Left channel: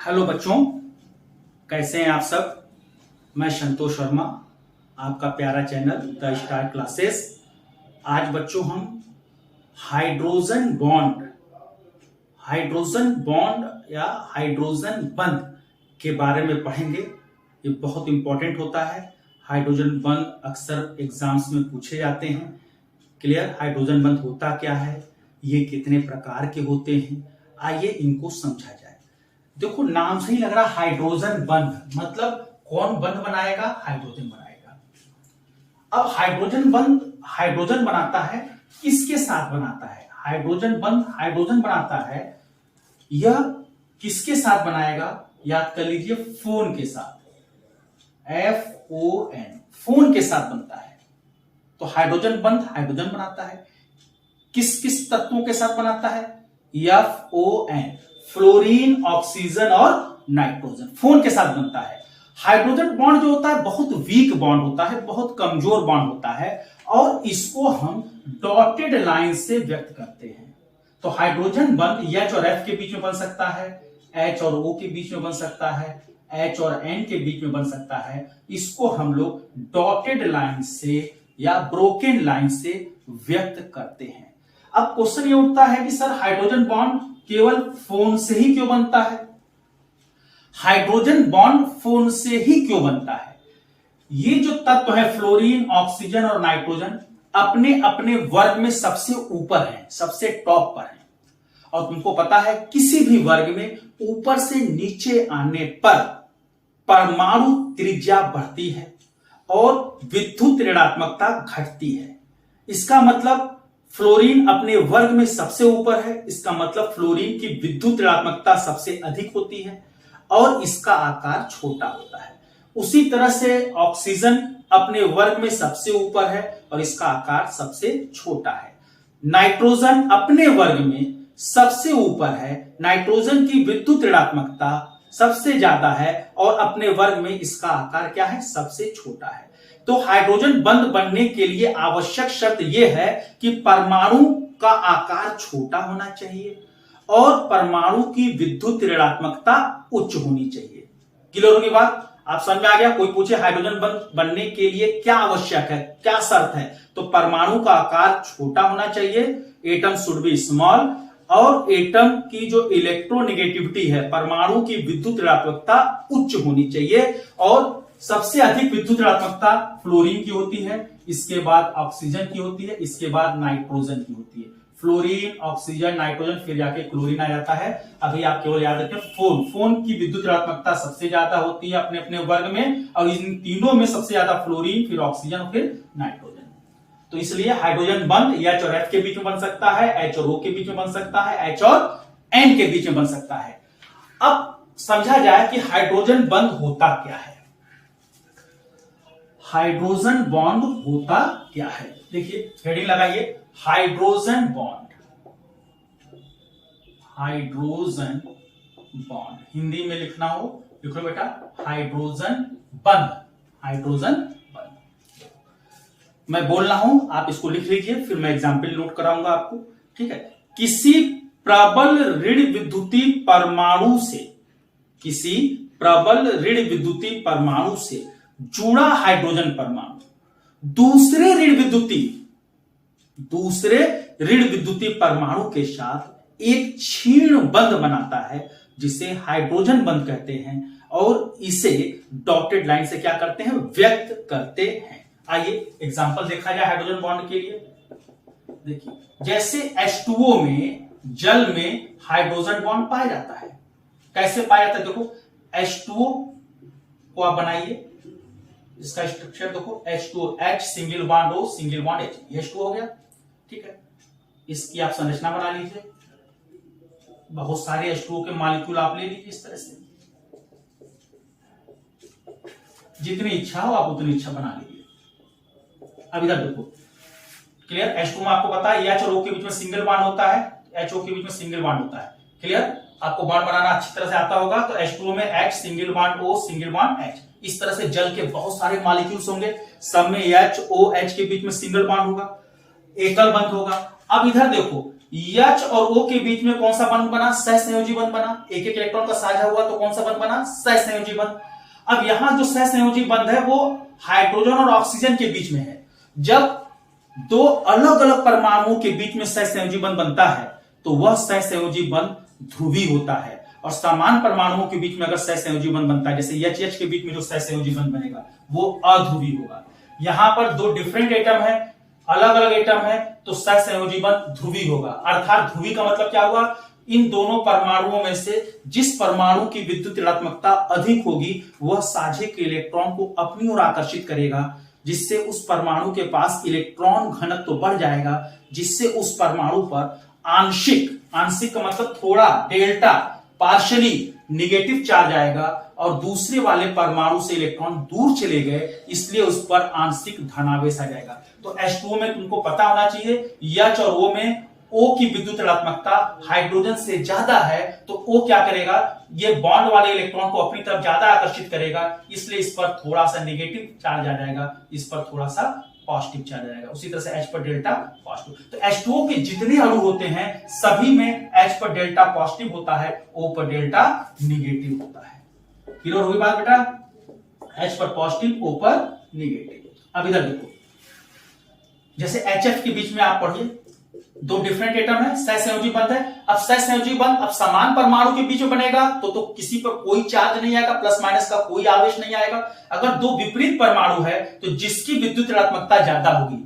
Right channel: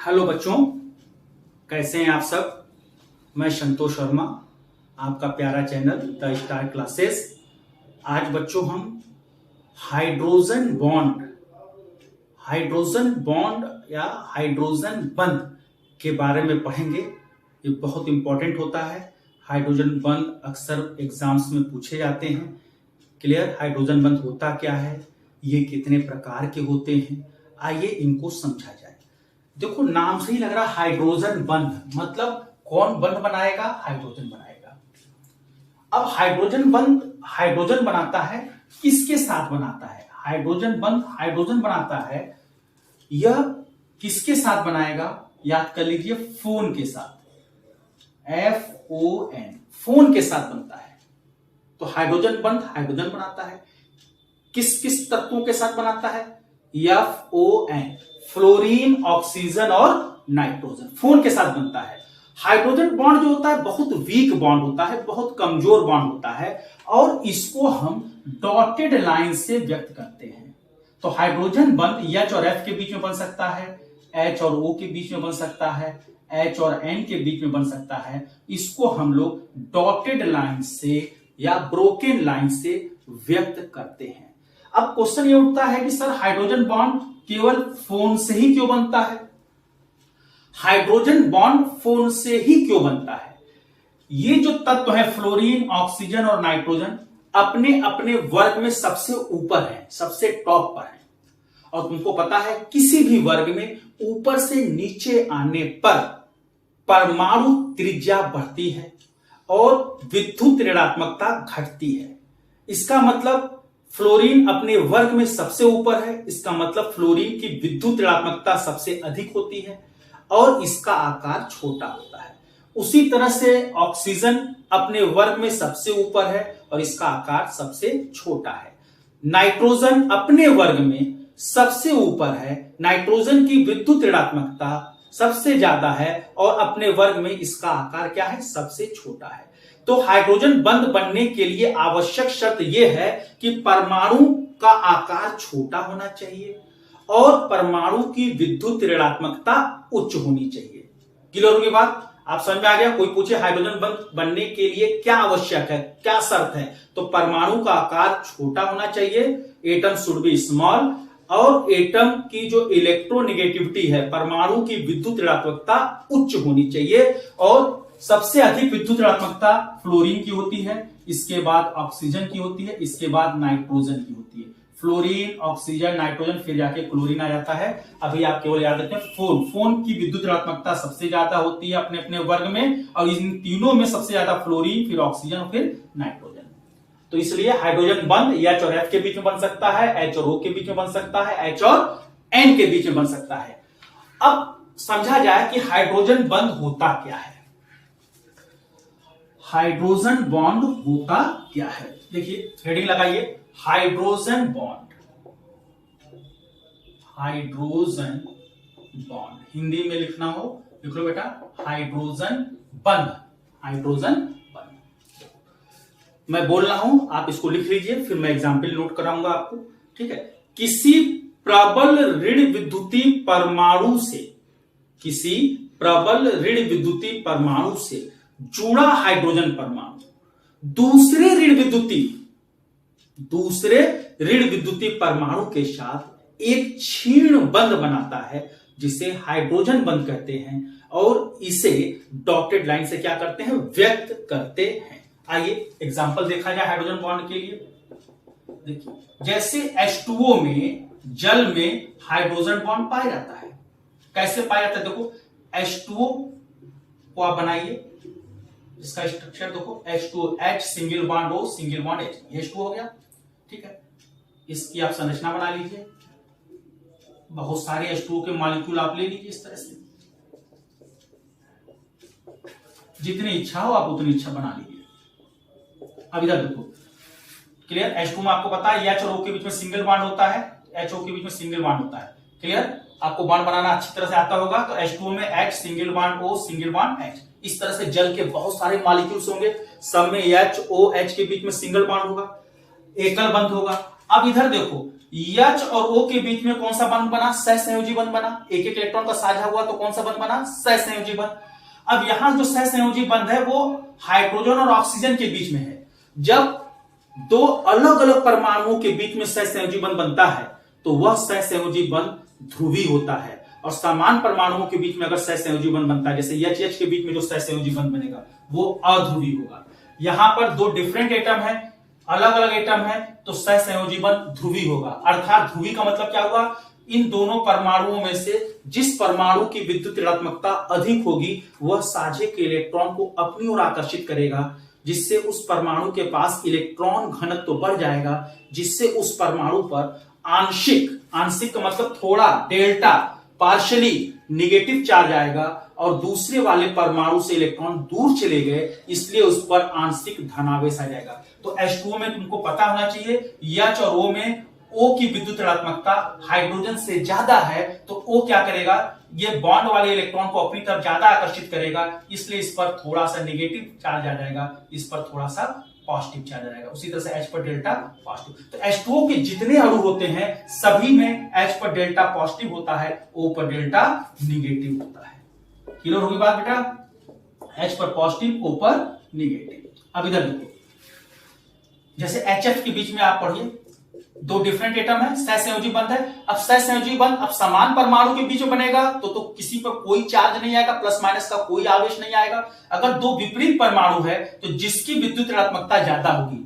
Hello बच्चों, कैसे हैं आप सब। मैं संतोष शर्मा, आपका प्यारा चैनल द स्टार क्लासेस। आज बच्चों हम हाइड्रोजन बॉन्ड या हाइड्रोजन बंध के बारे में पढ़ेंगे। ये बहुत इंपॉर्टेंट होता है। हाइड्रोजन बंध अक्सर एग्जाम्स में पूछे जाते हैं। क्लियर, हाइड्रोजन बंध होता क्या है, ये कितने प्रकार के होते हैं, आइए इनको समझा जाए। देखो, नाम से ही लग रहा हाइड्रोजन बंध, मतलब कौन बंध बनाएगा? हाइड्रोजन बनाएगा। अब हाइड्रोजन बनाता है, किसके साथ बनाता है? हाइड्रोजन बनाता है, यह किसके साथ बनाएगा? याद कर लीजिए, फोन के साथ। FON, फोन के साथ बनता है। तो हाइड्रोजन बनाता है। किस किस तत्वों के साथ बनाता है? FON, फ्लोरीन, ऑक्सीजन और नाइट्रोजन, फोन के साथ बनता है। हाइड्रोजन बॉन्ड जो होता है बहुत वीक बॉन्ड होता है, बहुत कमजोर बॉन्ड होता है, और इसको हम डॉटेड लाइन से व्यक्त करते हैं। तो हाइड्रोजन बंध H और F के बीच में बन सकता है, H और O के बीच में बन सकता है, H और N के बीच में बन सकता है। इसको हम लोग डॉटेड लाइन से या ब्रोकन लाइन से व्यक्त करते हैं। अब क्वेश्चन ये उठता है कि सर हाइड्रोजन बॉन्ड केवल फोन से ही क्यों बनता है? हाइड्रोजन बॉन्ड फोन से ही क्यों बनता है? ये जो तत्व है फ्लोरीन, ऑक्सीजन और नाइट्रोजन, अपने अपने वर्ग में सबसे ऊपर है, सबसे टॉप पर है। और तुमको पता है किसी भी वर्ग में ऊपर से नीचे आने पर परमाणु त्रिज्या बढ़ती है और विद्युत ऋणात्मकता घटती है। इसका मतलब फ्लोरीन अपने वर्ग में सबसे ऊपर है, इसका मतलब फ्लोरीन की विद्युत ऋणात्मकता सबसे अधिक होती है और इसका आकार छोटा होता है। उसी तरह से ऑक्सीजन अपने वर्ग में सबसे ऊपर है और इसका आकार सबसे छोटा है। नाइट्रोजन अपने वर्ग में सबसे ऊपर है, नाइट्रोजन की विद्युत ऋणात्मकता सबसे ज्यादा है और अपने वर्ग में इसका आकार क्या है? सबसे छोटा है। तो हाइड्रोजन बंध बनने के लिए आवश्यक शर्त यह है कि परमाणु का आकार छोटा होना चाहिए और परमाणु की विद्युत ऋणात्मकता उच्च होनी चाहिए। क्लियर होगी बात? आप समझ में आ गया? कोई पूछे हाइड्रोजन बंध बनने के लिए क्या आवश्यक है, क्या शर्त है, तो परमाणु का आकार छोटा होना चाहिए, एटम शुड बी स्मॉल, और एटम की जो इलेक्ट्रोनेगेटिविटी है, परमाणु की विद्युत ऋणात्मकता उच्च होनी चाहिए। और सबसे अधिक विद्युत ऋणात्मकता फ्लोरीन की होती है, इसके बाद ऑक्सीजन की होती है, इसके बाद नाइट्रोजन की होती है। फ्लोरीन, ऑक्सीजन, नाइट्रोजन, फिर जाके क्लोरीन आ जाता है। अभी आप केवल याद रखें, फोन की विद्युत ऋणात्मकता सबसे ज्यादा होती है अपने अपने वर्ग में, और इन तीनों में सबसे ज्यादा फ्लोरीन, फिर ऑक्सीजन, फिर नाइट्रोजन। तो इसलिए हाइड्रोजन बंध H और F के बीच में बन सकता है, H और O के बीच में बन सकता है, H और N के बीच में बन सकता है। अब समझा जाए कि हाइड्रोजन बंध होता क्या है। हाइड्रोजन बॉन्ड होता क्या है? देखिए, हेडिंग लगाइए, hydrogen bond. Hydrogen bond Hindi में लिखना हो लिख लो बेटा, हाइड्रोजन बंध। हाइड्रोजन बंध मैं बोल रहा हूं, आप इसको लिख लीजिए, फिर मैं एग्जाम्पल नोट कराऊंगा आपको। ठीक है, किसी प्रबल ऋण विद्युतीय परमाणु से, किसी प्रबल ऋण विद्युतीय परमाणु से जुड़ा हाइड्रोजन परमाणु दूसरे ऋण विद्युतीय परमाणु के साथ एक क्षीण बंध बनाता है, जिसे हाइड्रोजन बंध कहते हैं, और इसे डॉटेड लाइन से क्या करते हैं? व्यक्त करते हैं। आइए एग्जांपल देखा जाए हाइड्रोजन बॉन्ड के लिए। देखिए, जैसे H2O में, जल में हाइड्रोजन बॉन्ड पाया जाता है। कैसे पाया जाता है? देखो, H2O को आप बनाइए, इसका स्ट्रक्चर देखो, H2O, H single bond O single bond H, ये H2O हो गया। ठीक है, इसकी आप संरचना बना लीजिए, बहुत सारे H2O के मॉलिक्यूल आप ले लीजिए इस तरह से, जितनी इच्छा हो आप उतनी इच्छा बना लीजिए। अब इधर देखो, क्लियर, H2O में आपको पता है H और O के बीच में सिंगल बॉन्ड होता है, HO के बीच में सिंगल बॉन्ड होता है। क्लियर, आपको बॉन्ड बनाना अच्छी तरह से आता होगा। तो H2O में H single bond O single bond H, इस तरह से जल के बहुत सारे मॉलिक्यूल्स होंगे, सब में HOH के बीच में सिंगल बॉन्ड होगा, एकल बंध होगा। अब इधर देखो, H और O के बीच में कौन सा बंध बना? सहसंयोजी बंध बना। एक एक इलेक्ट्रॉन का साझा हुआ तो कौन सा बंध बना? सहसंयोजी बंध। अब यहां जो सहसंयोजी बंध है वो हाइड्रोजन और ऑक्सीजन के बीच में है। जब दो अलग अलग परमाणुओं के बीच में सहसंयोजी बंध बनता है तो वह सहसंयोजी बंध ध्रुवीय होता है, और समान परमाणुओं के बीच में अगर सहसंयोजी बंध बनता है, जैसे H के बीच में जो सहसंयोजी बंध बनेगा वो अध्रुवीय होगा। यहां पर दो डिफरेंट एटम है, अलग अलग एटम है, तो सहसंयोजी बंध ध्रुवीय होगा। अर्थात ध्रुवीय का मतलब क्या हुआ? इन दोनों परमाणुओं में से जिस परमाणु की विद्युत ऋणात्मकता अधिक होगी वह साझे के इलेक्ट्रॉन को अपनी ओर आकर्षित करेगा, जिससे उस परमाणु के पास इलेक्ट्रॉन घनत्व तो बढ़ जाएगा, जिससे उस परमाणु पर आंशिक का मतलब थोड़ा, डेल्टा, पार्शियली निगेटिव चार्ज आएगा, और दूसरे वाले परमाणु से इलेक्ट्रॉन दूर चले गए इसलिए उस पर आंशिक धनावेश आ जाएगा। तो H2O में तुमको पता होना चाहिए H और O में O की विद्युत ऋणात्मकता हाइड्रोजन से ज्यादा है, तो O क्या करेगा? ये बॉन्ड वाले इलेक्ट्रॉन को अपनी तरफ ज्यादा आकर्षित करेगा, इसलिए इस पर थोड़ा सा नेगेटिव चार्ज आ जाएगा, इस पर थोड़ा सा पॉजिटिव चार्ज आ जाएगा। उसी तरह से H पर डेल्टा पॉजिटिव। तो H2O के जितने अणु होते हैं सभी में H पर डेल्टा पॉजिटिव होता है, O पर डेल्टा निगेटिव होता है। क्लियर होगी बात बेटा? H पर पॉजिटिव, O पर निगेटिव। अब इधर देखो, जैसे HF के बीच में आप पढ़िए, दो डिफरेंट एटम है, सहसंयोजी बंध है। अब सहसंयोजी बंध अब समान परमाणु के बीच में बनेगा तो किसी पर कोई चार्ज नहीं आएगा, प्लस माइनस का कोई आवेश नहीं आएगा। अगर दो विपरीत परमाणु है तो जिसकी विद्युत ऋणात्मकता ज्यादा होगी,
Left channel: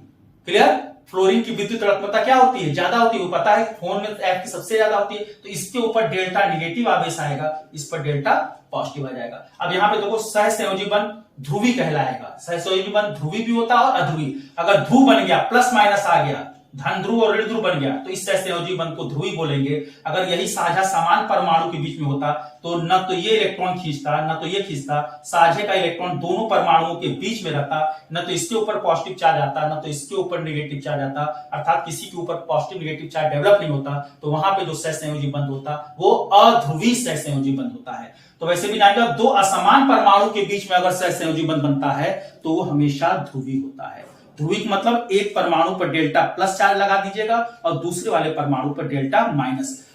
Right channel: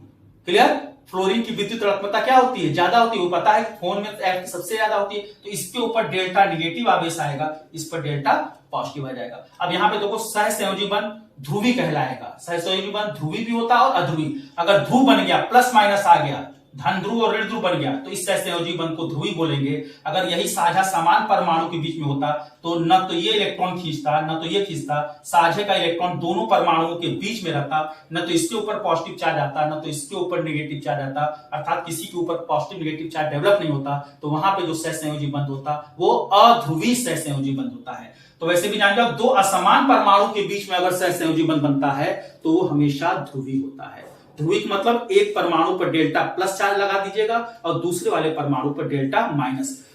क्लियर? फ्लोरीन की विद्युत ऋणात्मकता क्या होती है? ज्यादा होती है, वो पता है, फोन में F की सबसे ज्यादा होती है, तो इसके ऊपर डेल्टा निगेटिव आवेश आएगा, इस पर डेल्टा पॉजिटिव आ जाएगा। अब यहां पे देखो सहसंयोजी बंध ध्रुवीय कहलाएगा। सहसंयोजी बंध ध्रुवीय भी होता है और अध्रुवीय। अगर ध्रुव बन गया, प्लस माइनस आ गया, धन ध्रुव और ऋण ध्रुव बन गया, तो इस सहसंयोजी बंध को ध्रुवीय बोलेंगे। अगर यही साझा समान परमाणु के बीच में होता तो न तो ये इलेक्ट्रॉन खींचता न तो ये खींचता, साझे का इलेक्ट्रॉन दोनों परमाणुओं के बीच में रहता, न तो इसके ऊपर पॉजिटिव चार्ज आता न तो इसके ऊपर नेगेटिव चार्ज आता, अर्थात किसी के ऊपर पॉजिटिव नेगेटिव चार्ज डेवलप नहीं होता, तो वहां पे जो सहसंयोजी बंध होता वो अध्रुवीय सहसंयोजी बंध होता है। तो वैसे भी जान जाओ, दो असमान परमाणु के बीच में अगर सहसंयोजी बंध बनता है तो वो हमेशा ध्रुवीय होता है। ध्रुवीय मतलब एक परमाणु पर डेल्टा प्लस चार्ज लगा दीजिएगा और दूसरे वाले परमाणु पर डेल्टा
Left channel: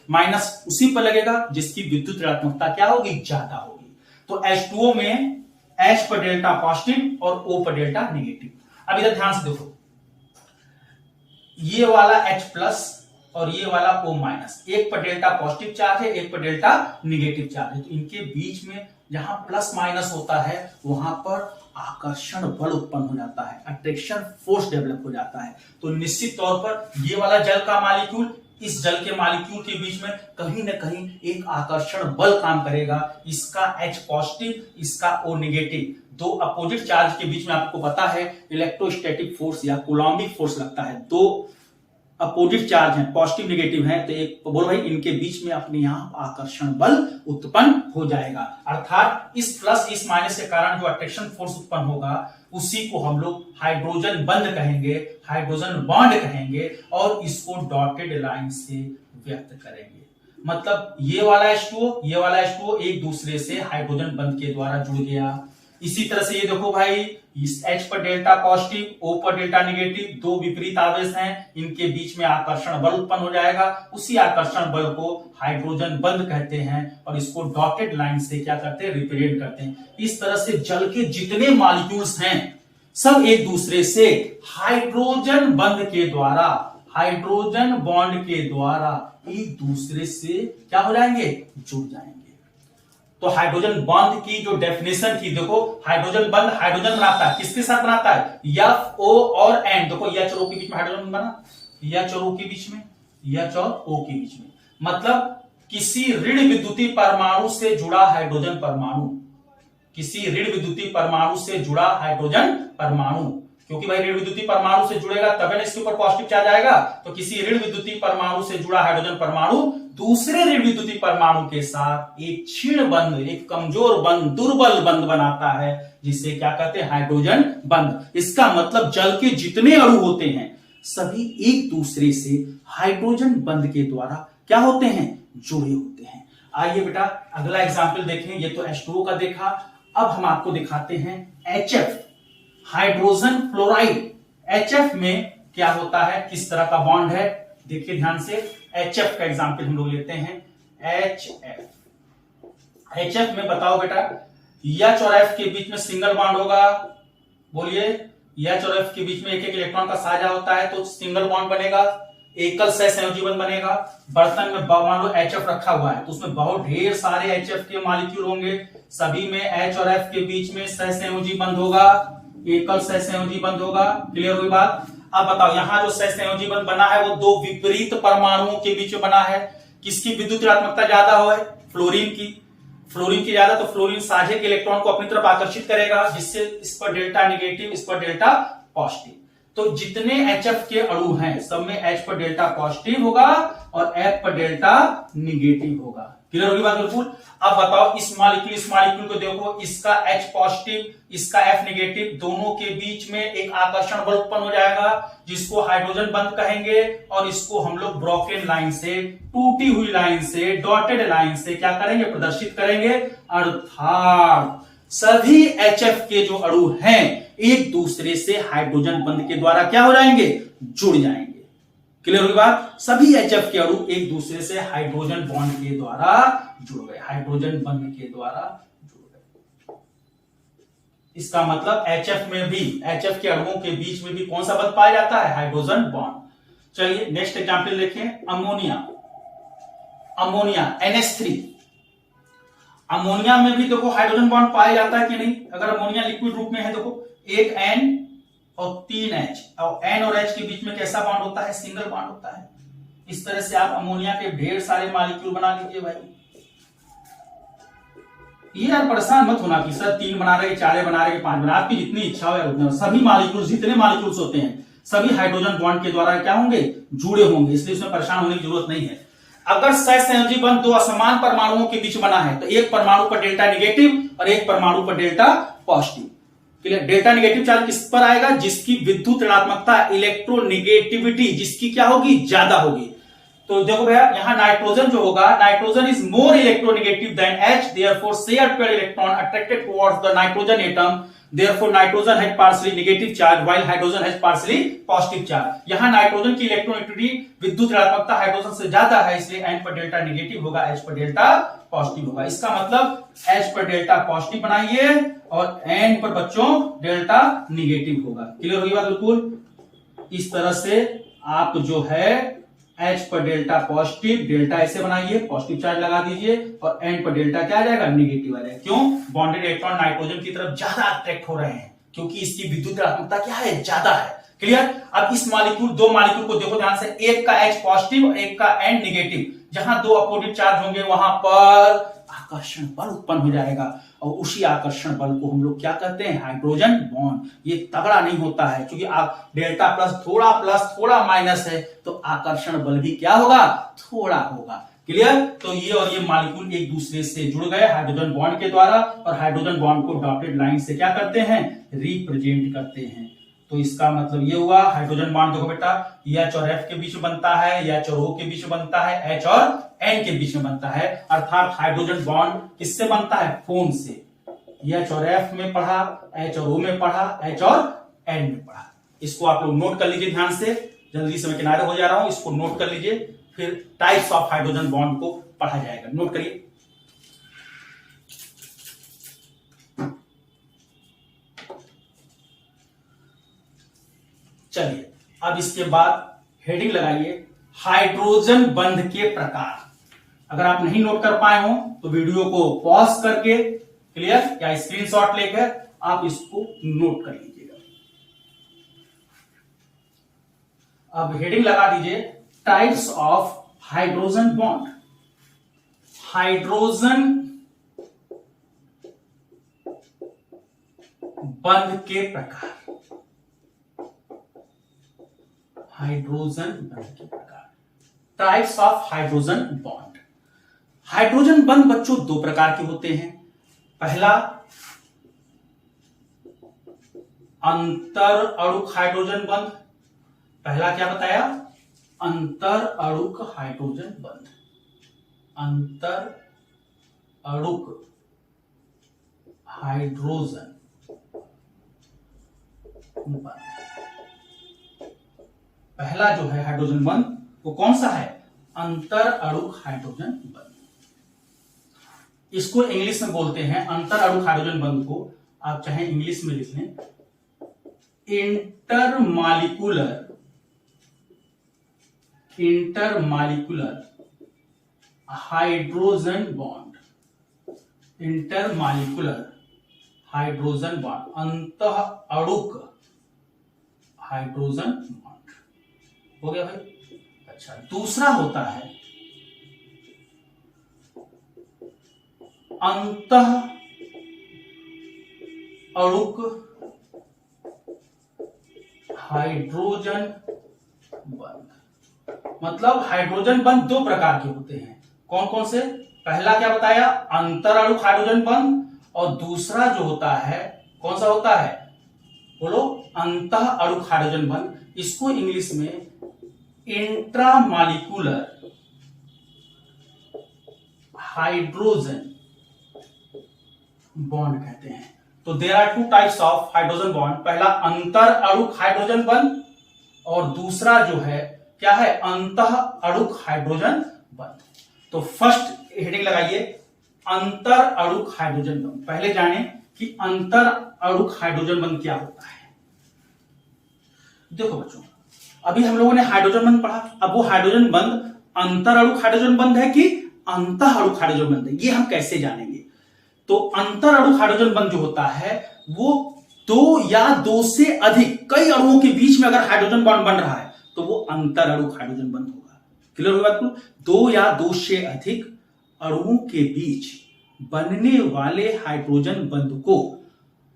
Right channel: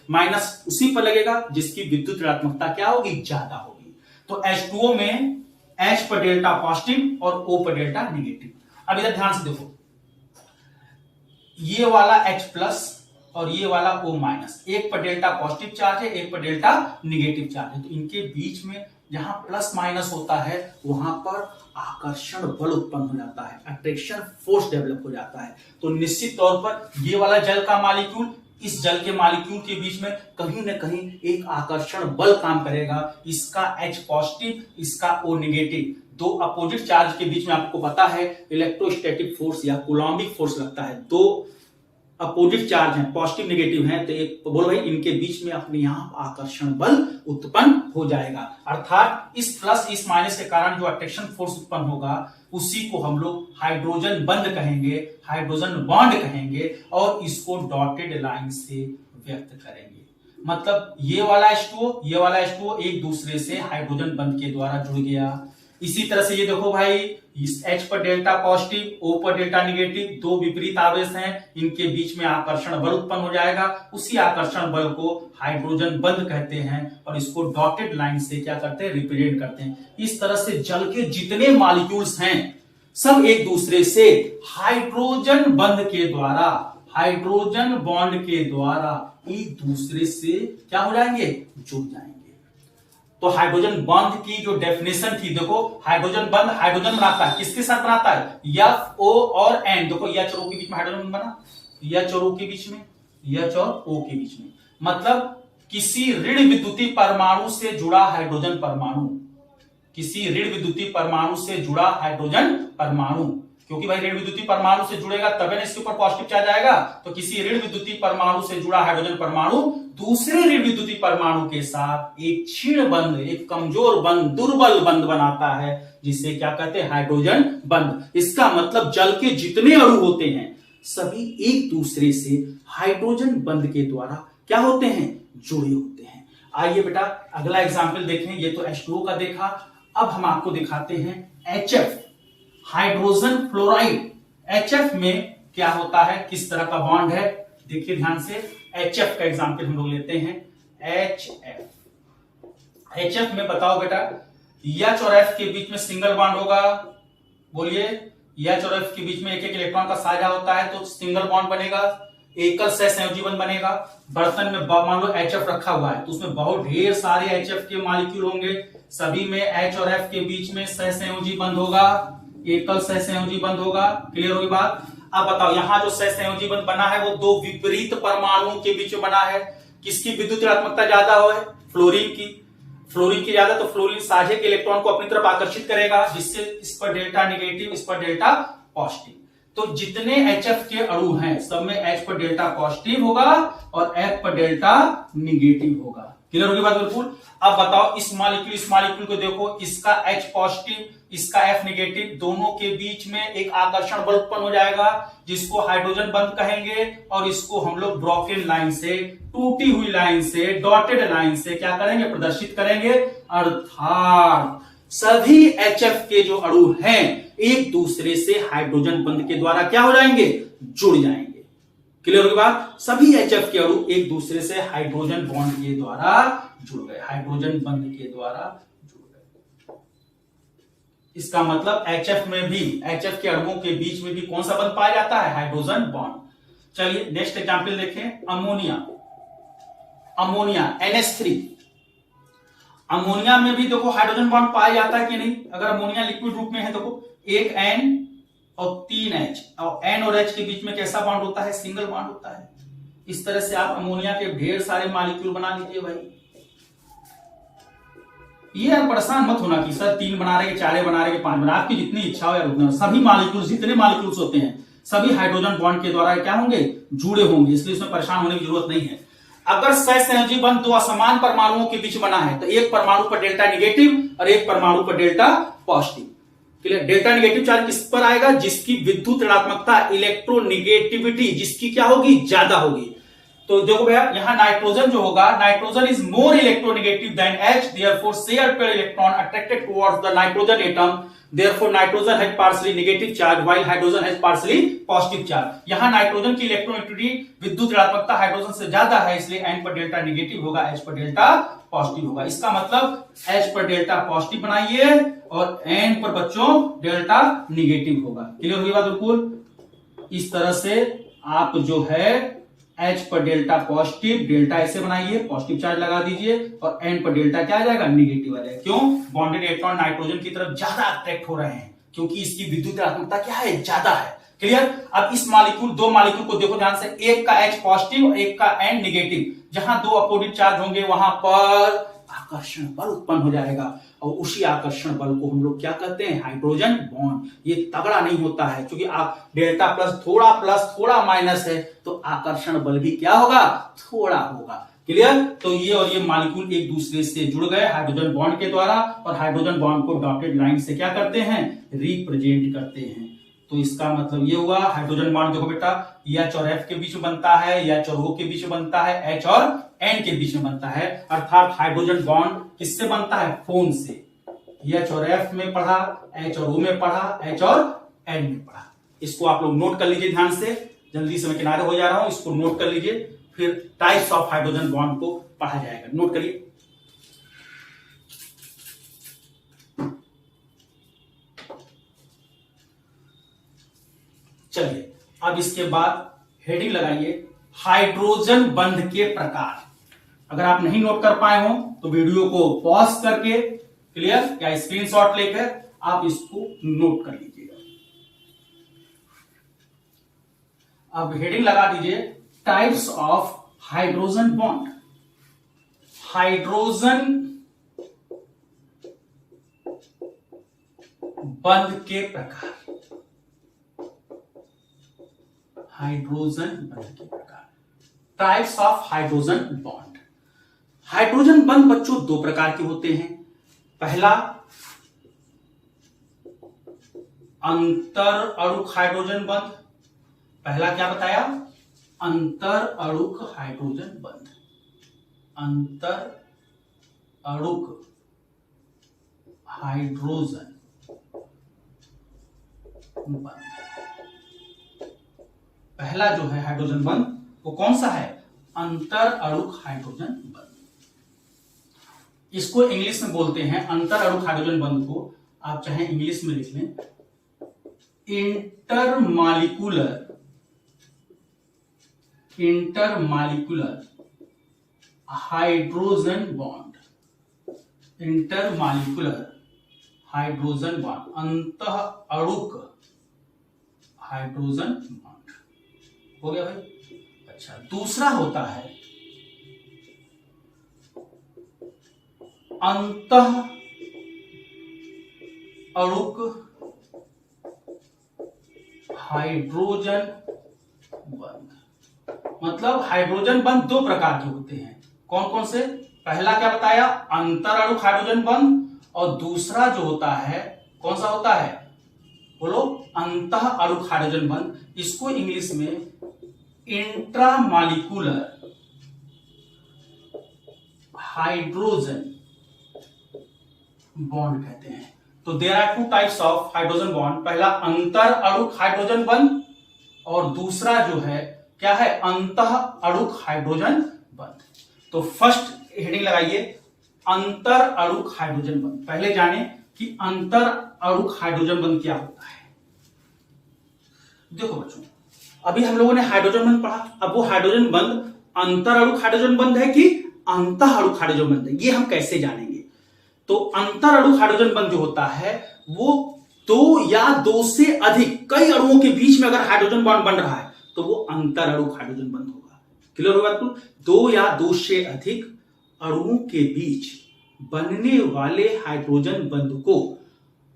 माइनस उसी पर लगेगा जिसकी विद्युत ऋणात्मकता क्या होगी? ज्यादा होगी। तो H2O में H पर डेल्टा पॉजिटिव और O पर डेल्टा निगेटिव। अब इधर ध्यान से देखो, ये वाला H प्लस और ये वाला O माइनस, एक पर डेल्टा पॉजिटिव चार्ज है, एक पर डेल्टा निगेटिव चार्ज है, तो इनके बीच में जहां प्लस माइनस होता है वहां पर आकर्षण बल उत्पन्न हो जाता है, अट्रैक्शन फोर्स डेवलप हो जाता है। तो निश्चित तौर पर ये वाला जल का मॉलिक्यूल इस जल के मॉलिक्यूल के बीच में कहीं ना कहीं एक आकर्षण बल काम करेगा। इसका H पॉजिटिव, इसका O निगेटिव, दो अपोजिट चार्ज के बीच में आपको पता है इलेक्ट्रोस्टैटिक फोर्स या कूलॉम्बिक फोर्स लगता है। दो अपोजिट चार्ज हैं, पॉजिटिव नेगेटिव हैं, तो एक बोल भाई इनके बीच में अपने आप आकर्षण बल उत्पन्न हो जाएगा। अर्थात इस प्लस इस माइनस के कारण जो अट्रैक्शन फोर्स उत्पन्न होगा उसी को हम लोग हाइड्रोजन बंध कहेंगे, हाइड्रोजन बॉन्ड कहेंगे, और इसको डॉटेड लाइन से व्यक्त करेंगे। मतलब ये वाला H2O एक दूसरे से हाइड्रोजन बंध के द्वारा जुड़ गया। इसी तरह से ये देखो भाई, इस H पर डेल्टा पॉजिटिव, O पर डेल्टा निगेटिव, दो विपरीत आवेश हैं, इनके बीच में आकर्षण बल उत्पन्न हो जाएगा। उसी आकर्षण बल को हाइड्रोजन बंध कहते हैं और इसको डॉटेड लाइन से क्या करते हैं? रिप्रेजेंट करते हैं। इस तरह से जल के जितने मॉलिक्यूल्स हैं सब एक दूसरे से हाइड्रोजन बंध के द्वारा, हाइड्रोजन बॉन्ड के द्वारा एक दूसरे से क्या हो जाएंगे? जुड़ जाएंगे। तो हाइड्रोजन बॉन्ड की जो डेफिनेशन थी, देखो हाइड्रोजन बंध हाइड्रोजन बनाता है, किसके साथ बनाता है? F, O और N। देखो H और O के बीच में हाइड्रोजन बना, H और O के बीच में, H और O के बीच में, मतलब किसी ऋण विद्युतीय परमाणु से जुड़ा हाइड्रोजन परमाणु, किसी ऋण विद्युतीय परमाणु से जुड़ा हाइड्रोजन परमाणु, क्योंकि भाई ऋण विद्युतीय परमाणु से जुड़ेगा तभी ना इसके ऊपर पॉजिटिव चार्ज आएगा। तो किसी ऋण विद्युतीय परमाणु से जुड़ा हाइड्रोजन परमाणु दूसरे ऋण विद्युतीय परमाणु के साथ एक क्षीण बंध, एक कमजोर बंध, दुर्बल बंध बनाता है, जिसे क्या कहते हैं? हाइड्रोजन बंध। इसका मतलब जल के जितने अणु होते हैं सभी एक दूसरे से हाइड्रोजन बंध के द्वारा क्या होते हैं? जुड़े होते हैं। आइए बेटा अगला एग्जाम्पल देखें। ये तो H2O का देखा, अब हम आपको दिखाते हैं HF, हाइड्रोजन फ्लोराइड। HF में क्या होता है? किस तरह का बॉन्ड है? देखिए ध्यान से, HF का एग्जाम्पल हम लोग लेते हैं। HF में बताओ बेटा, H और F के बीच में सिंगल बॉन्ड होगा, बोलिए। H और F के बीच में एक एक इलेक्ट्रॉन का साझा होता है तो सिंगल बॉन्ड बनेगा, एकल सहसंयोजी बंध बनेगा। बर्तन में मान लो HF रखा हुआ है तो उसमें बहुत ढेर सारे HF के मॉलिक्यूल होंगे, सभी में H और F के बीच में सहसंयोजी बंध होगा, एकल सहसंयोजी बंध होगा। क्लियर हुई बात? अब बताओ, यहां जो सहसंयोजी बंध बना है वो दो विपरीत परमाणुओं के बीच में बना है। किसकी विद्युत ऋणात्मकता ज्यादा हो है? फ्लोरीन की। फ्लोरीन की ज्यादा, तो फ्लोरीन साझे के इलेक्ट्रॉन को अपनी तरफ आकर्षित करेगा, जिससे इस पर डेल्टा नेगेटिव, इस पर डेल्टा पॉजिटिव। तो जितने HF के अणु हैं सब में H पर डेल्टा पॉजिटिव होगा और F पर डेल्टा नेगेटिव होगा। क्लियर होगी बात बिल्कुल? अब बताओ, इस मॉलिक्यूल को देखो, इसका H पॉजिटिव, इसका F नेगेटिव, दोनों के बीच में एक आकर्षण बल उत्पन्न हो जाएगा जिसको हाइड्रोजन बंध कहेंगे, और इसको हम लोग ब्रोकन लाइन से, टूटी हुई लाइन से, डॉटेड लाइन से क्या करेंगे? प्रदर्शित करेंगे। अर्थात सभी HF के जो अणु हैं एक दूसरे से हाइड्रोजन बंध के द्वारा क्या हो जाएंगे? जुड़ जाएंगे। क्लियर होगी बात? सभी HF के अणु एक दूसरे से हाइड्रोजन बॉन्ड के द्वारा जुड़ गए, हाइड्रोजन बंध के द्वारा जुड़ गए। इसका मतलब HF के अणुओं के बीच में भी कौन सा बंध पाया जाता है? Hydrogen bond. चलिए नेक्स्ट एग्जांपल देखें, अमोनिया NH3। अमोनिया में भी देखो हाइड्रोजन बॉन्ड पाया जाता है कि नहीं? अगर अमोनिया लिक्विड रूप में है, देखो एक N और 3 H, और N और H के बीच में कैसा बॉन्ड होता है? सिंगल बॉन्ड होता है। इस तरह से आप अमोनिया के ढेर सारे मॉलिक्यूल बना लीजिए भाई। ये यार परेशान मत होना कि सर 3 बना रहे, 4 बना रहे, 5 बना, आपकी जितनी इच्छा हो उतने। सभी मॉलिक्यूल, जितने मॉलिक्यूल्स होते हैं सभी हाइड्रोजन बॉन्ड के द्वारा क्या होंगे? जुड़े होंगे, इसलिए इसमें परेशान होने की जरूरत नहीं है। अगर सहसंयोजी बंध दो असमान परमाणुओं के बीच बना है तो एक परमाणु पर डेल्टा नेगेटिव और एक परमाणु पर delta positive. Clear? Delta negative charge किस पर आएगा? जिसकी विद्युत ऋणात्मकता, इलेक्ट्रोनेगेटिविटी जिसकी क्या होगी? ज्यादा होगी। तो देखो भैया, यहां नाइट्रोजन जो होगा, nitrogen is more electronegative than H, therefore share pair electron attracted towards the nitrogen atom, therefore nitrogen has partially negative charge while hydrogen has partially positive charge। यहां नाइट्रोजन की इलेक्ट्रोनेगेटिविटी, विद्युत ऋणात्मकता हाइड्रोजन से ज्यादा है, इसलिए N पर delta negative होगा, H पर डेल्टा पॉजिटिव होगा। इसका मतलब H पर डेल्टा पॉजिटिव बनाइए और N पर बच्चों डेल्टा नेगेटिव होगा। क्लियर होगी बात बिल्कुल? इस तरह से आप जो है H पर डेल्टा पॉजिटिव, डेल्टा ऐसे बनाइए, पॉजिटिव चार्ज लगा दीजिए, और N पर डेल्टा क्या आ जाएगा? नेगेटिव आ जाएगा। क्यों? बॉन्डेड इलेक्ट्रॉन नाइट्रोजन की तरफ ज्यादा अट्रैक्ट हो रहे हैं क्योंकि इसकी विद्युत ऋणात्मकता क्या है? ज्यादा है। क्लियर? अब इस दो मॉलिक्यूल को देखो ध्यान से, एक का H पॉजिटिव और एक का N नेगेटिव। जहां दो अपोजिट चार्ज होंगे वहां पर आकर्षण बल उत्पन्न हो जाएगा, और उसी आकर्षण बल को हम लोग क्या कहते हैं? Hydrogen bond. ये तगड़ा नहीं होता है क्योंकि आप डेल्टा प्लस थोड़ा माइनस है तो आकर्षण बल भी क्या होगा? थोड़ा होगा। क्लियर? तो ये और ये मॉलिक्यूल एक दूसरे से जुड़ गए हाइड्रोजन बॉन्ड के द्वारा, और हाइड्रोजन बॉन्ड को डॉटेड लाइन से क्या करते हैं? रिप्रेजेंट करते हैं। तो इसका मतलब ये हुआ, हाइड्रोजन बॉन्ड देखो बेटा, H और F के बीच में बनता है, H और O के बीच में बनता है, H और N के बीच में बनता है। अर्थात हाइड्रोजन बॉन्ड किससे बनता है? फोन से। H और F में पढ़ा, H और O में पढ़ा, H और N में पढ़ा। इसको आप लोग नोट कर लीजिए ध्यान से, जल्दी से मैं किनारे हो जा रहा हूं, इसको नोट कर लीजिए, फिर टाइप्स ऑफ हाइड्रोजन बॉन्ड को पढ़ा जाएगा। नोट करिए। चलिए अब इसके बाद हेडिंग लगाइए, हाइड्रोजन बंध के प्रकार। अगर आप नहीं नोट कर पाए हो तो वीडियो को पॉज करके, क्लियर, या स्क्रीनशॉट लेकर आप इसको नोट कर लीजिएगा। अब हेडिंग लगा दीजिए, types of hydrogen bond. Hydrogen बंध के प्रकार। हाइड्रोजन बंध के प्रकार, types of hydrogen bond. Hydrogen बंध बच्चों दो प्रकार के होते हैं। पहला अंतर अणुक हाइड्रोजन बंध। पहला क्या बताया? अंतर अणुक हाइड्रोजन बंध। अंतर अणुक हाइड्रोजन बंध। पहला जो है हाइड्रोजन बंध वो कौन सा है? अंतर अणुक हाइड्रोजन बंध। इसको इंग्लिश में बोलते हैं अंतर अणुक हाइड्रोजन बंध को आप चाहे इंग्लिश में लिख लें intermolecular hydrogen bond. Intermolecular hydrogen bond, अंतः अणुक हाइड्रोजन बॉन्ड। हो गया भाई। अच्छा, दूसरा होता है अंतः अणुक हाइड्रोजन बंध। मतलब हाइड्रोजन बंध दो प्रकार के होते हैं। कौन कौन से? पहला क्या बताया? अंतर अणुक हाइड्रोजन बंध। और दूसरा जो होता है कौन सा होता है? बोलो, अंतः अणुक हाइड्रोजन बंध। इसको इंग्लिश में इंट्रामॉलिक्यूलर हाइड्रोजन बॉन्ड कहते हैं। तो there are two types of hydrogen bond. पहला अंतर अणुक हाइड्रोजन बंध और दूसरा जो है क्या है? अंतः अणुक हाइड्रोजन बंध। तो फर्स्ट हेडिंग लगाइए अंतर अणुक हाइड्रोजन बंध। पहले जाने कि अंतर अणुक हाइड्रोजन बंध क्या होता है। देखो बच्चों, अभी हम लोगों ने हाइड्रोजन बंध पढ़ा। अब वो हाइड्रोजन बंध अंतर अणुक हाइड्रोजन बंध है कि अंतः अणुक हाइड्रोजन बंध है, ये हम कैसे जानेंगे? तो अंतर अणुक हाइड्रोजन बंध जो होता है वो दो या दो से अधिक कई अणुओं के बीच में अगर हाइड्रोजन बॉन्ड बन रहा है तो वो अंतर अणुक हाइड्रोजन बंध होगा। क्लियर होगा आपको? दो या दो से अधिक अणुओं के बीच बनने वाले हाइड्रोजन बंध को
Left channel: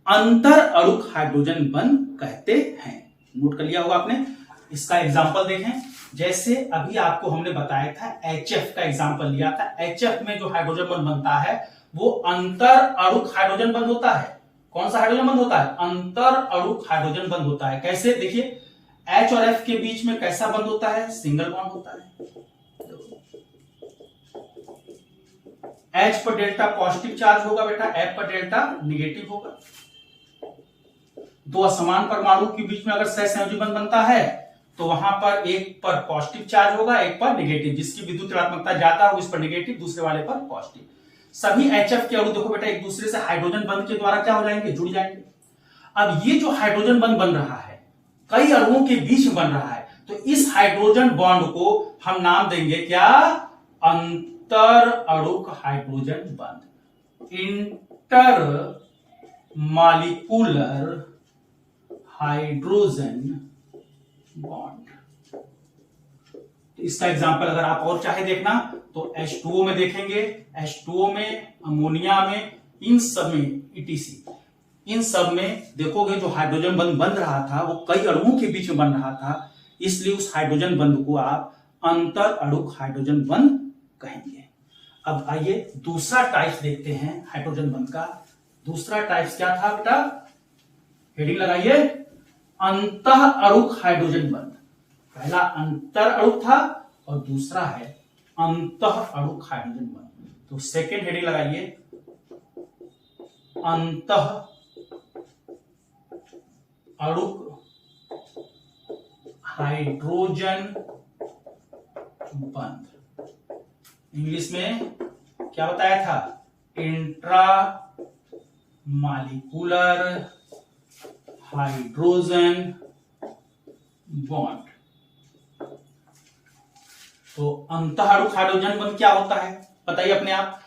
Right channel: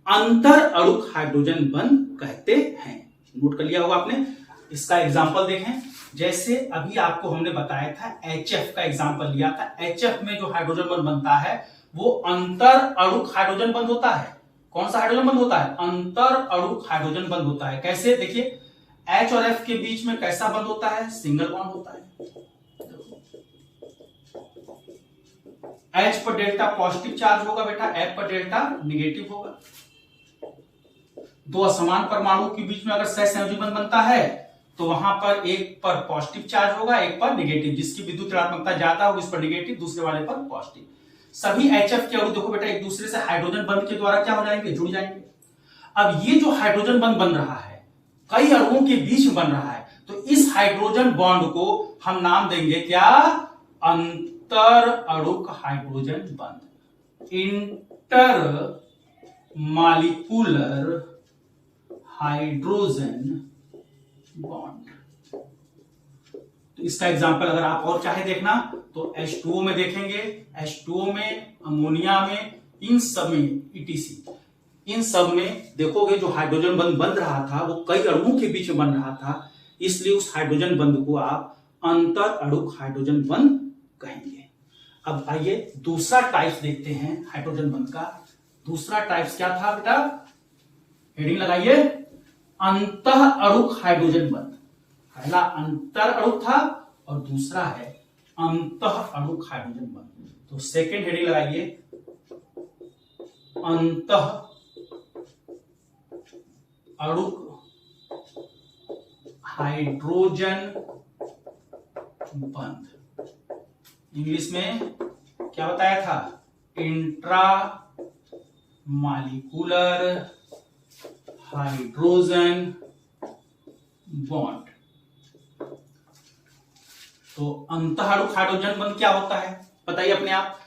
अंतर अणुक हाइड्रोजन बंध कहते हैं। नोट कर लिया होगा आपने। इसका एग्जांपल देखें। जैसे अभी आपको हमने बताया था HF का एग्जांपल लिया था। HF में जो हाइड्रोजन बंध बनता है वो अंतर अणुक हाइड्रोजन बंध होता है। कौन सा हाइड्रोजन बंध होता है? अंतर अणुक हाइड्रोजन बंध होता है। कैसे? देखिए, H और F के बीच में कैसा बंध होता है? सिंगल बॉन्ड होता है। H पर डेल्टा पॉजिटिव चार्ज होगा बेटा, F पर डेल्टा निगेटिव होगा। दो असमान परमाणु के बीच में अगर सहसंयोजी बंध बनता है तो वहां पर एक पर पॉजिटिव चार्ज होगा, एक पर निगेटिव। जिसकी विद्युत ऋणात्मकता ज्यादा होगी उस पर निगेटिव, दूसरे वाले पर पॉजिटिव। सभी HF के अणु देखो बेटा एक दूसरे से हाइड्रोजन बंध के द्वारा क्या हो जाएंगे? जुड़ जाएंगे। अब ये जो हाइड्रोजन बंध बन रहा है कई अणुओं के बीच में बन रहा है, तो इस हाइड्रोजन बॉन्ड को हम नाम देंगे क्या? अंतर अणुक हाइड्रोजन बंध। Inter molecular hydrogen bond. तो इसका एग्जांपल अगर आप और चाहे देखना तो H2O में देखेंगे, H2O में, अमोनिया में, इन सब में ETC, इन सब में देखोगे जो हाइड्रोजन बंध बन रहा था वो कई अणुओं के बीच में बन रहा था, इसलिए उस हाइड्रोजन बंध को आप अंतर अणुक हाइड्रोजन बंध कहेंगे। अब आइए दूसरा टाइप देखते हैं हाइड्रोजन बंध का। दूसरा टाइप क्या था बेटा? हेडिंग लगाइए अंतः अणुक हाइड्रोजन बंध। पहला अंतर अणुक था और दूसरा है अंतः अणुक हाइड्रोजन बंध। तो सेकेंड हेडिंग लगाइए अंतः अणुक हाइड्रोजन बंध। इंग्लिश में क्या बताया था? Intra molecular hydrogen bond. तो अंतः अणुक हाइड्रोजन बंध क्या होता है बताइए अपने आप।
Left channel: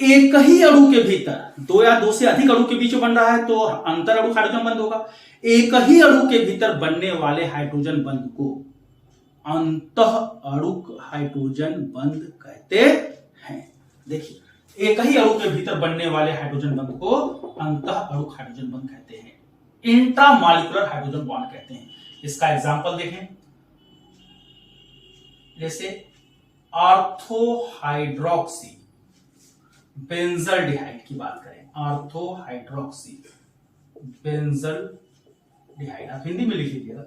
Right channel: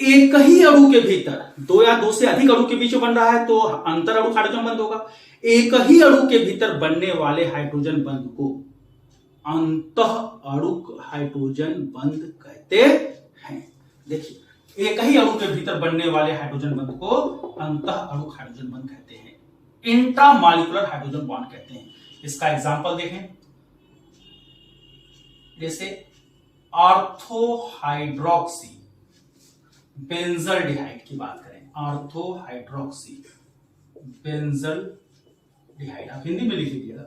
एक ही अणु के भीतर दो या दो से अधिक अणु के बीच में बन रहा है तो अंतर अणुक हाइड्रोजन बंध होगा। एक ही अणु के भीतर बनने वाले हाइड्रोजन बंध को अंतः अणुक हाइड्रोजन बंध कहते हैं। देखिए, एक ही अणु के भीतर बनने वाले हाइड्रोजन बंध को अंतः अणुक हाइड्रोजन बंध कहते हैं, इंट्रामॉलिक्यूलर हाइड्रोजन बॉन्ड कहते हैं। इसका एग्जांपल देखें। जैसे ऑर्थोहाइड्रोक्सी बेंजल्डिहाइड की बात करें, ऑर्थोहाइड्रोक्सी बेंजल्डिहाइड, आप हिंदी में लिख लीजिएगा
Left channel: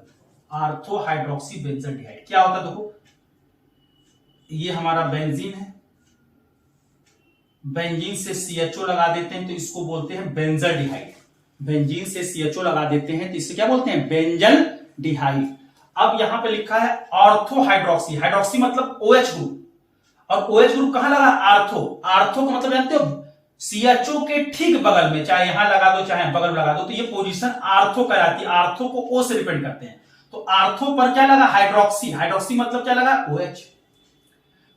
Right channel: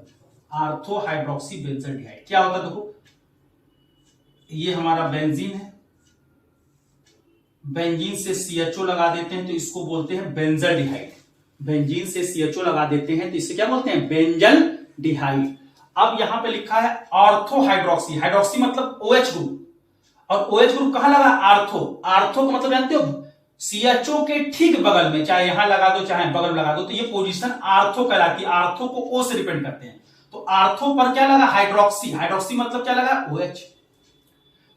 ऑर्थोहाइड्रोक्सी बेंजल्डिहाइड। क्या होता है देखो, ये हमारा बेंजीन है, बेंजीन से CHO लगा देते हैं तो इसको बोलते हैं बेंजल्डिहाइड। बेंजीन से CHO लगा देते हैं तो इसे क्या बोलते हैं? बेंजल्डिहाइड। अब यहां पे लिखा है ऑर्थो हाइड्रोक्सी, हाइड्रोक्सी मतलब OH ग्रुप, और OH ग्रुप कहां लगा, आर्थो, आर्थो का मतलब जानते हो CHO के ठीक बगल में, चाहे यहां लगा दो चाहे बगल में लगा दो, तो ये पोजीशन आर्थो कहलाती है, आर्थो को O से डिपेंड करते हैं। तो आर्थो पर क्या लगा, हाइड्रोक्सी, हाइड्रोक्सी मतलब क्या लगा, OH।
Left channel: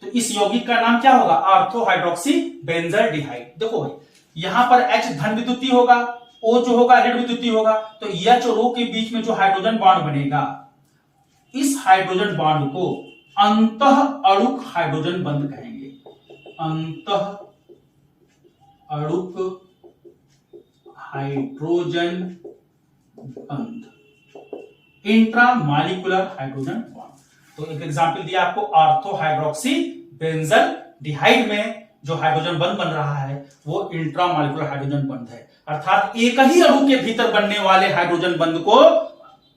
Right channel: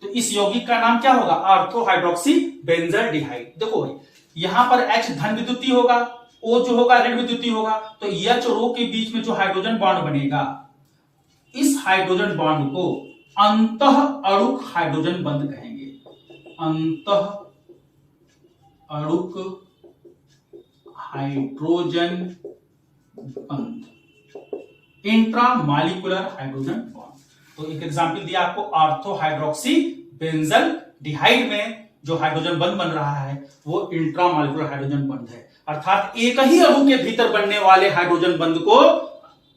तो इस यौगिक का नाम क्या होगा, ऑर्थो हाइड्रोक्सी बेंजल्डिहाइड। देखो भाई यहां पर H धन विद्युतीय होगा, O जो होगा ऋण विद्युतीय होगा, तो H और O के बीच में जो हाइड्रोजन बॉन्ड बनेगा, इस हाइड्रोजन बॉन्ड को अंतः अणुक हाइड्रोजन बंध कहेंगे, अंतः अणुक हाइड्रोजन बंध, इंट्रामॉलिक्यूलर हाइड्रोजन बॉन्ड। तो एक एग्जांपल दिया आपको, ऑर्थो हाइड्रोक्सी बेंजल्डिहाइड में जो हाइड्रोजन बंध बन रहा है वो इंट्रामॉलिक्यूलर हाइड्रोजन बंध है, अर्थात एक ही अणु के भीतर बनने वाले हाइड्रोजन बंध को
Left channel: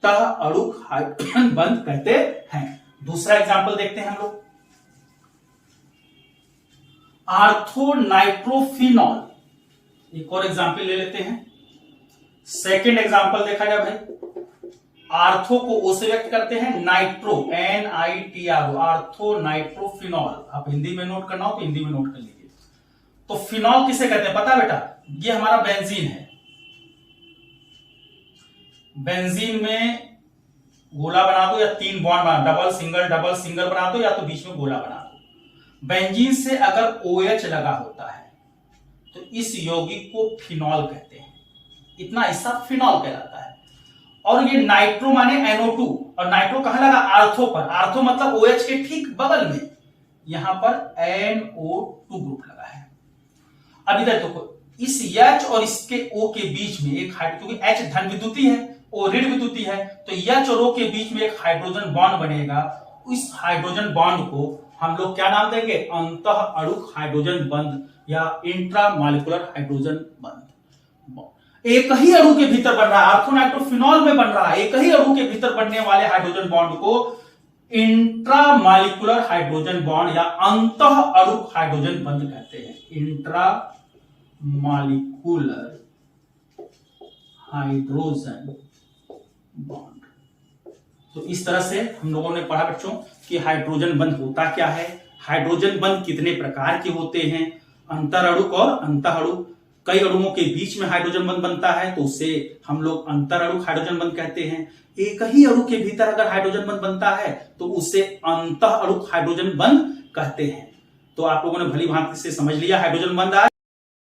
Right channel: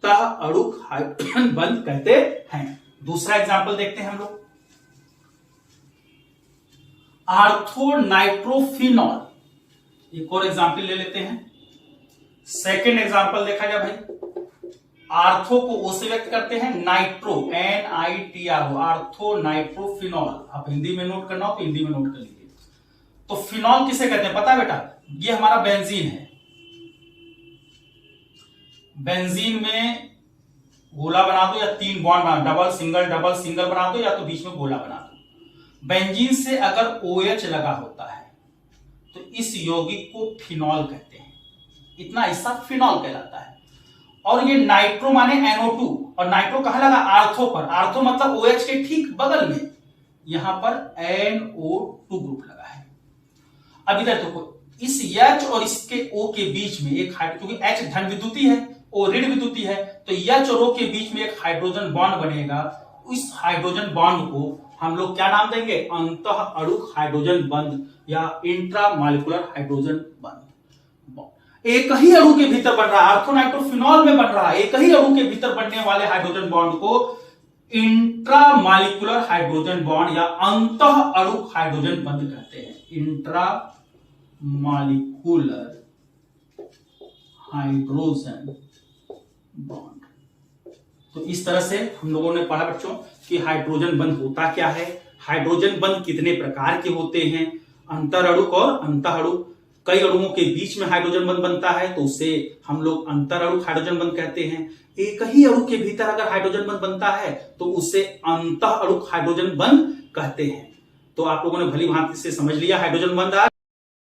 तह अणुक हाइड्रोजन बंध कहते हैं। दूसरा एग्जांपल देखते हैं हम लोग, आर्थो नाइट्रोफिनॉल, एक और एग्जांपल ले लेते हैं। सेकेंड एग्जांपल देखा जाए भाई, आर्थो को O से व्यक्त करते हैं, नाइट्रो NITRO, आर्थो नाइट्रोफिनॉल। आप हिंदी में नोट करना हो तो हिंदी में नोट कर लीजिए। तो फिनॉल किसे कहते हैं पता है बेटा, ये हमारा बेंजीन है, बेंजीन में गोला बना दो या 3 बॉन्ड बना, डबल सिंगल बना दो, या तो बीच में गोला बना दो। बेंजीन से अगर OH लगा होता है तो इस यौगिक को फिनॉल कहते हैं, इतना हिस्सा फिनॉल कहलाता है। और ये नाइट्रो माने NO2, और नाइट्रो कहां लगा, आर्थो पर, आर्थो मतलब OH के ठीक बगल में, यहां पर NO2 ग्रुप लगा है। अब इधर देखो, इस H और इसके O के बीच में एक क्योंकि H धन विद्युतीय है, O ऋण विद्युतीय है, तो H और O के बीच में एक हाइड्रोजन बॉन्ड बनेगा। इस हाइड्रोजन बॉन्ड को हम लोग क्या नाम देंगे, अंतः अणुक हाइड्रोजन बंध या इंट्रामॉलिक्यूलर हाइड्रोजन बंध। एक ही अणु के भीतर बन रहा है, आर्थोनाइट्रोफिनॉल में बन रहा है, एक ही अणु के भीतर बनने वाले हाइड्रोजन बॉन्ड को इंट्रामॉलिक्यूलर हाइड्रोजन बॉन्ड या अंतः अणुक हाइड्रोजन बंध कहते हैं, इंट्रामॉलिक्यूलर हाइड्रोजन बॉन्ड। तो इस तरह से हम लोगों ने पढ़ा बच्चों कि हाइड्रोजन बंध होता क्या है, हाइड्रोजन बंध कितने प्रकार के होते हैं, अंतर अणुक और अंतः अणुक। कई अणुओं के बीच में हाइड्रोजन बंध बनता है तो उसे हम लोग अंतर अणुक हाइड्रोजन बंध कहते हैं। एक ही अणु के भीतर अगर हाइड्रोजन बंध बनता है तो उसे अंतः अणुक हाइड्रोजन बंध कहते हैं। तो आप लोगों ने भली भांति से समझ लिया हाइड्रोजन बंध आज।